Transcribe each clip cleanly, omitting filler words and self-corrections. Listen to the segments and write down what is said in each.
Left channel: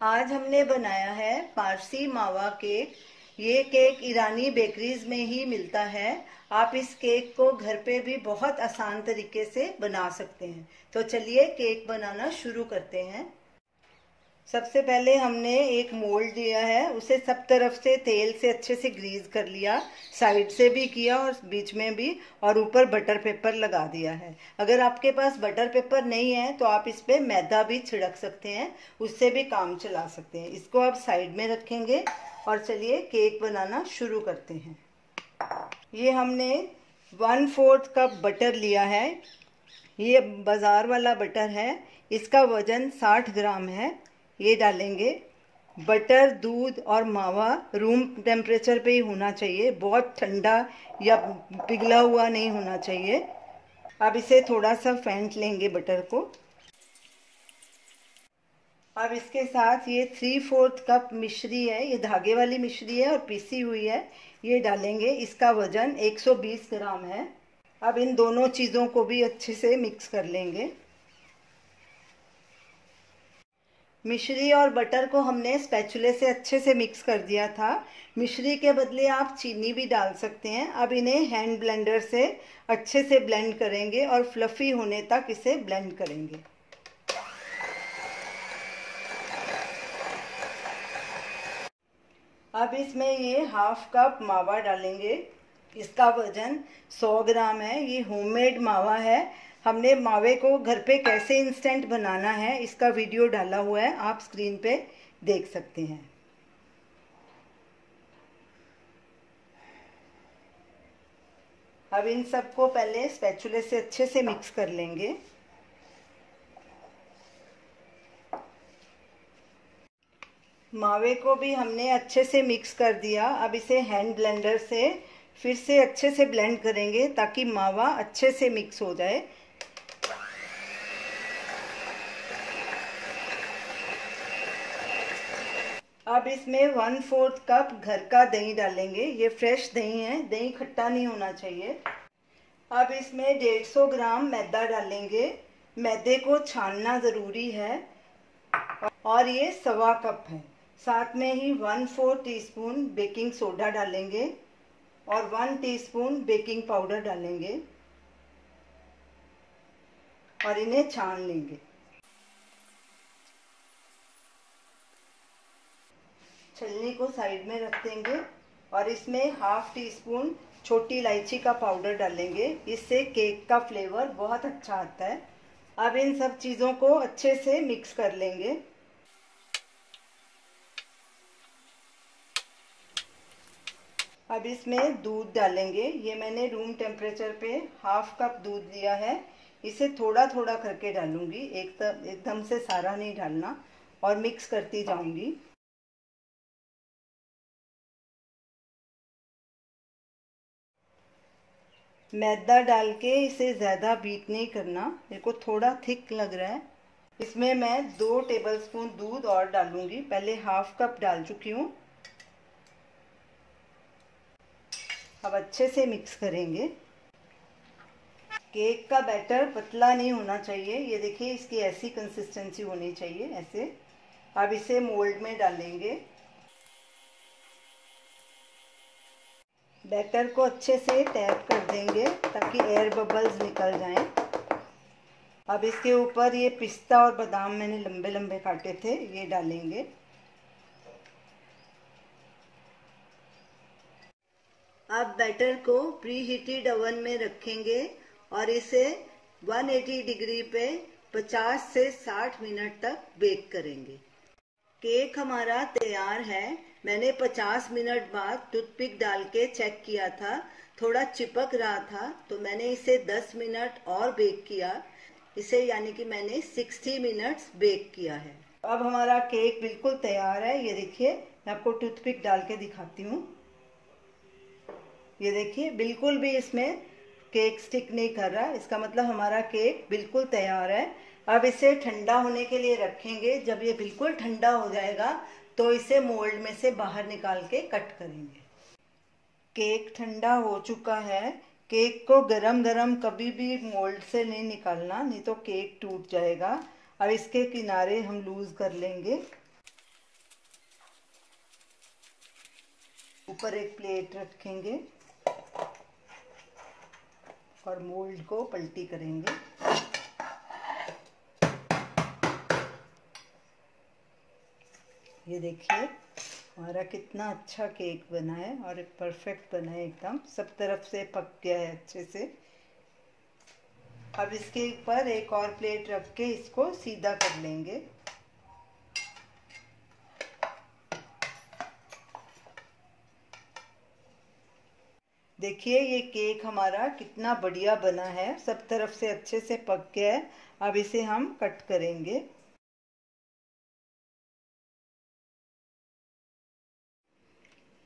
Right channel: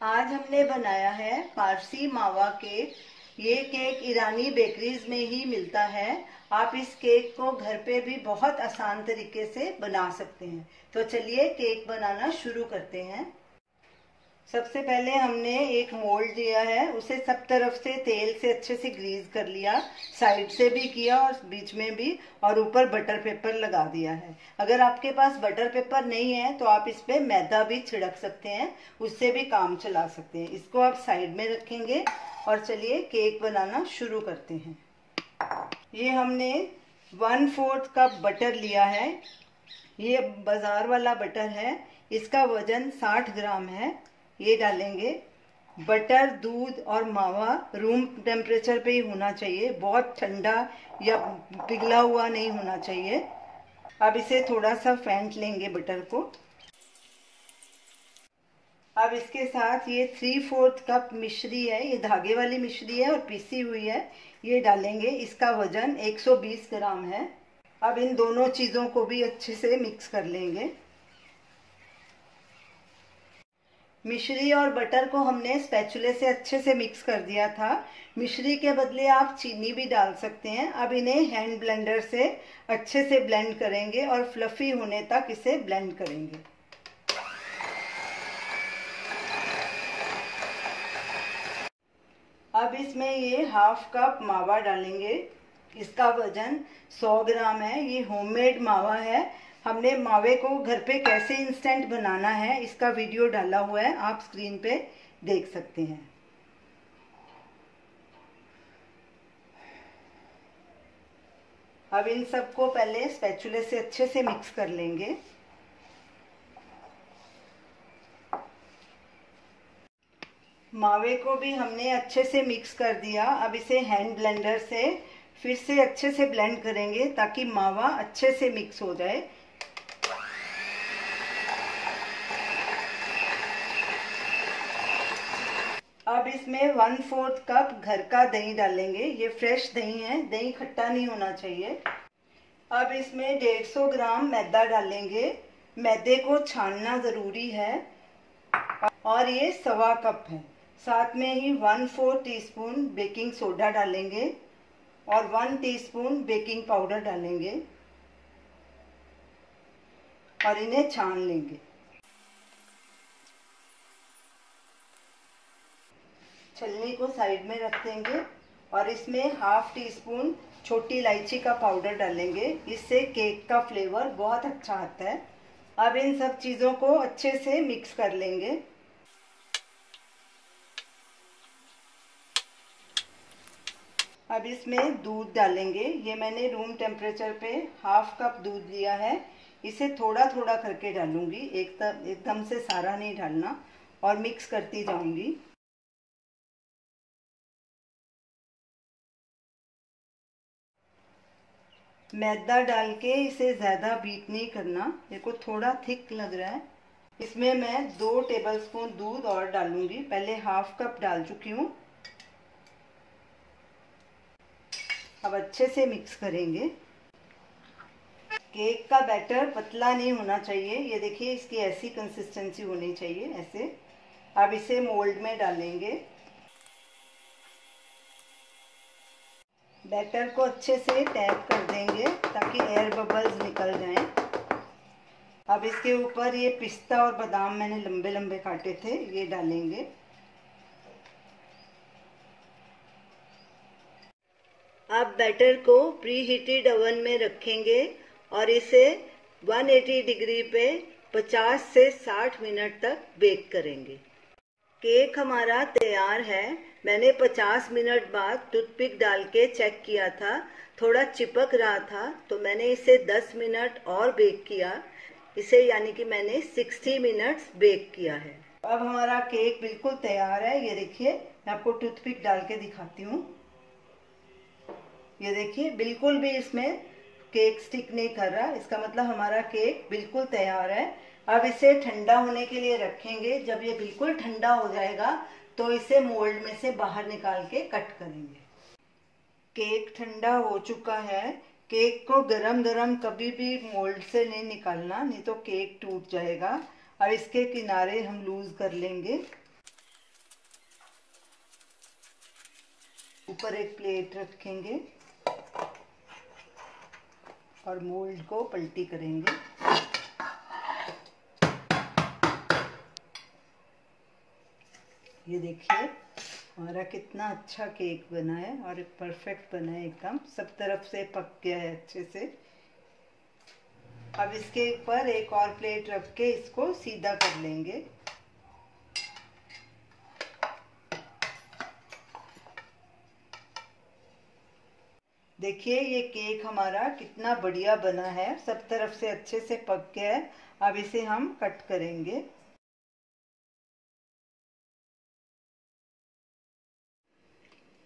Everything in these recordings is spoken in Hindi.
आज हमने बनाया है पारसी मावा केक। ये केक ईरानी बेकरीज में ही मिलता है। आप इस केक को घर पे भी बहुत आसान तरीके से बना सकते हैं। तो चलिए केक बनाना शुरू करते हैं। सबसे पहले हमने एक मोल्ड लिया है, उसे सब तरफ से तेल से अच्छे से ग्रीस कर लिया, साइड से भी किया और बीच में भी, और ऊपर बटर पेपर लगा दिया है। अगर आपके पास बटर पेपर नहीं है तो आप इस पे मैदा भी छिड़क सकते हैं, उससे भी काम चला सकते हैं। इसको आप साइड में रखेंगे और चलिए केक बनाना शुरू करते हैं। ये हमने 1/4 कप बटर लिया है। ये बाजार वाला बटर है, इसका वजन 60 ग्राम है। ये डालेंगे। बटर, दूध और मावा रूम टेम्परेचर पे ही होना चाहिए, बहुत ठंडा या पिघला हुआ नहीं होना चाहिए। अब इसे थोड़ा सा फेंट लेंगे बटर को। अब इसके साथ ये 3/4 कप मिश्री है, ये धागे वाली मिश्री है और पीसी हुई है, ये डालेंगे। इसका वजन 120 ग्राम है। अब इन दोनों चीज़ों को भी अच्छे से मिक्स कर लेंगे। मिश्री और बटर को हमने स्पैचुले से अच्छे से मिक्स कर दिया था। मिश्री के बदले आप चीनी भी डाल सकते हैं। अब इन्हें हैंड ब्लेंडर से अच्छे से ब्लेंड करेंगे और फ्लफी होने तक इसे ब्लेंड करेंगे। अब इसमें ये 1/2 कप मावा डालेंगे। इसका वजन 100 ग्राम है। ये होममेड मावा है। हमने मावे को घर पे कैसे इंस्टेंट बनाना है इसका वीडियो डाला हुआ है, आप स्क्रीन पे देख सकते हैं। अब इन सबको पहले स्पैचुले से अच्छे से मिक्स कर लेंगे। मावे को भी हमने अच्छे से मिक्स कर दिया। अब इसे हैंड ब्लेंडर से फिर से अच्छे से ब्लेंड करेंगे ताकि मावा अच्छे से मिक्स हो जाए। अब इसमें 1/4 कप घर का दही डालेंगे। ये फ्रेश दही है, दही खट्टा नहीं होना चाहिए। अब इसमें 150 ग्राम मैदा डालेंगे। मैदे को छानना ज़रूरी है। और ये 1/4 कप है। साथ में ही 1/4 टीस्पून बेकिंग सोडा डालेंगे और 1 टीस्पून बेकिंग पाउडर डालेंगे और इन्हें छान लेंगे। छलनी को साइड में रख देंगे और इसमें 1/2 टीस्पून छोटी इलायची का पाउडर डालेंगे। इससे केक का फ्लेवर बहुत अच्छा आता है। अब इन सब चीज़ों को अच्छे से मिक्स कर लेंगे। अब इसमें दूध डालेंगे। ये मैंने रूम टेम्परेचर पे 1/2 कप दूध लिया है। इसे थोड़ा थोड़ा करके डालूंगी, एकदम से सारा नहीं डालना, और मिक्स करती जाऊंगी। मैदा डाल के इसे ज़्यादा बीट नहीं करना, मेरे को थोड़ा थिक लग रहा है। इसमें मैं 2 टेबलस्पून दूध और डालूंगी। पहले 1/2 कप डाल चुकी हूँ। अब अच्छे से मिक्स करेंगे। केक का बैटर पतला नहीं होना चाहिए। ये देखिए, इसकी ऐसी कंसिस्टेंसी होनी चाहिए, ऐसे। अब इसे मोल्ड में डालेंगे। बैटर को अच्छे से टैप कर देंगे ताकि एयर बबल्स निकल जाएं। अब इसके ऊपर ये पिस्ता और बादाम मैंने लंबे लंबे काटे थे, ये डालेंगे। अब बैटर को प्री हीटेड ओवन में रखेंगे और इसे 180 डिग्री पे 50 से 60 मिनट तक बेक करेंगे। केक हमारा तैयार है। मैंने 50 मिनट बाद टूथपिक डाल के चेक किया था, थोड़ा चिपक रहा था, तो मैंने इसे 10 मिनट और बेक किया। इसे यानी कि मैंने 60 मिनट्स बेक किया है। अब हमारा केक बिल्कुल तैयार है। ये देखिए, मैं आपको टूथपिक डाल के दिखाती हूँ। ये देखिए, बिल्कुल भी इसमें केक स्टिक नहीं कर रहा। इसका मतलब हमारा केक बिल्कुल तैयार है। अब इसे ठंडा होने के लिए रखेंगे। जब ये बिल्कुल ठंडा हो जाएगा तो इसे मोल्ड में से बाहर निकाल के कट करेंगे। केक ठंडा हो चुका है। केक को गरम गरम कभी भी मोल्ड से नहीं निकालना, नहीं तो केक टूट जाएगा। अब इसके किनारे हम लूज कर लेंगे। ऊपर एक प्लेट रखेंगे और मोल्ड को पलटी करेंगे। ये देखिए हमारा कितना अच्छा केक बना है और परफेक्ट बना है, एकदम सब तरफ से पक गया है अच्छे से। अब इसके ऊपर एक और प्लेट रख के इसको सीधा कर लेंगे। देखिए ये केक हमारा कितना बढ़िया बना है, सब तरफ से अच्छे से पक गया है। अब इसे हम कट करेंगे।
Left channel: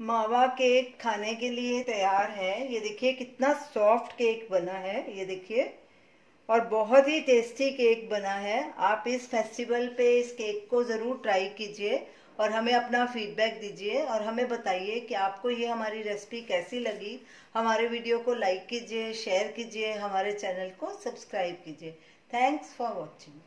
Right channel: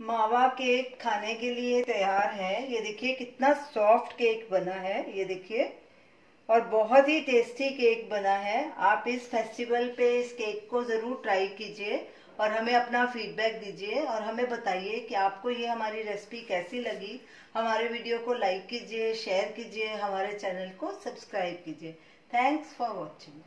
मावा केक खाने के लिए तैयार है। ये देखिए कितना सॉफ्ट केक बना है, ये देखिए, और बहुत ही टेस्टी केक बना है। आप इस फेस्टिवल पे इस केक को जरूर ट्राई कीजिए और हमें अपना फीडबैक दीजिए और हमें बताइए कि आपको ये हमारी रेसिपी कैसी लगी। हमारे वीडियो को लाइक कीजिए, शेयर कीजिए, हमारे चैनल को सब्सक्राइब कीजिए। Thanks for watching.